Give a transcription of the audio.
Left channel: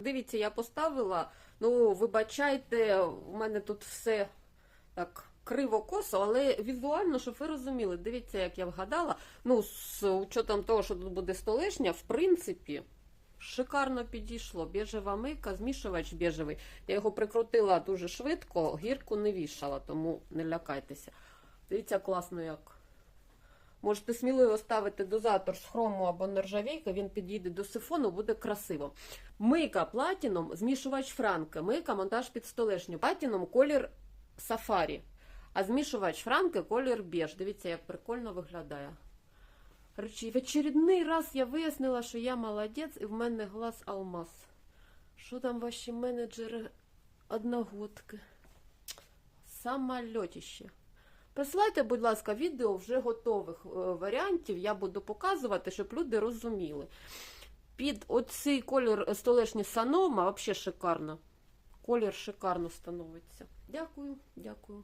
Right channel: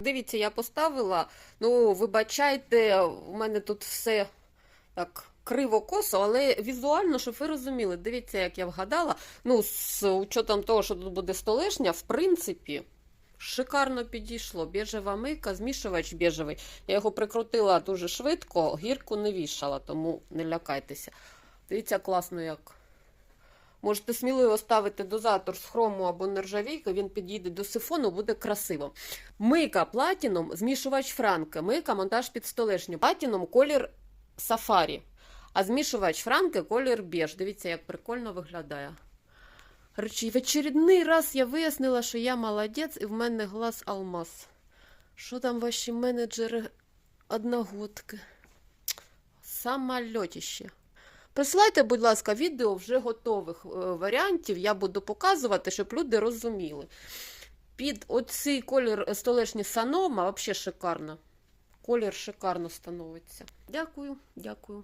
Дивіться, я поставила. Ну, вибачайте, у мене тут все так криво косо, але візуально, щоб ви розуміли, дивіться, як я вгадала. Ну, з учетом того, що тут буде столешня, в принципі, шикарно підійшло. Біжева мийка, змішувач біжевий. Я його прикрутила дуже швидко, гірку не вішала, тому не лякайтеся. Дивіться, класно як. Можете сміливо ставити дозатор з хрому або нержавійки, він підійде до сифону, буде красиво. Мийка платіном, змішувач франки, мийка монтаж під столешню. Платіном колір сафарі, а змішувач франки колір біж. Дивіться, як прикольно виглядає. Речі, в очередний раз я вияснила, що я молодець і в мене глаз алмаз. Що там ваші менеджери одногодки? Самольотіще. Присилайте, будь ласка, відео вже готових е, варіантів. Я буду показувати, щоб люди розуміли. Під оцей колір столешні Санома взагалі шикарно. Колір шикарно становиться. Дякую, дякую.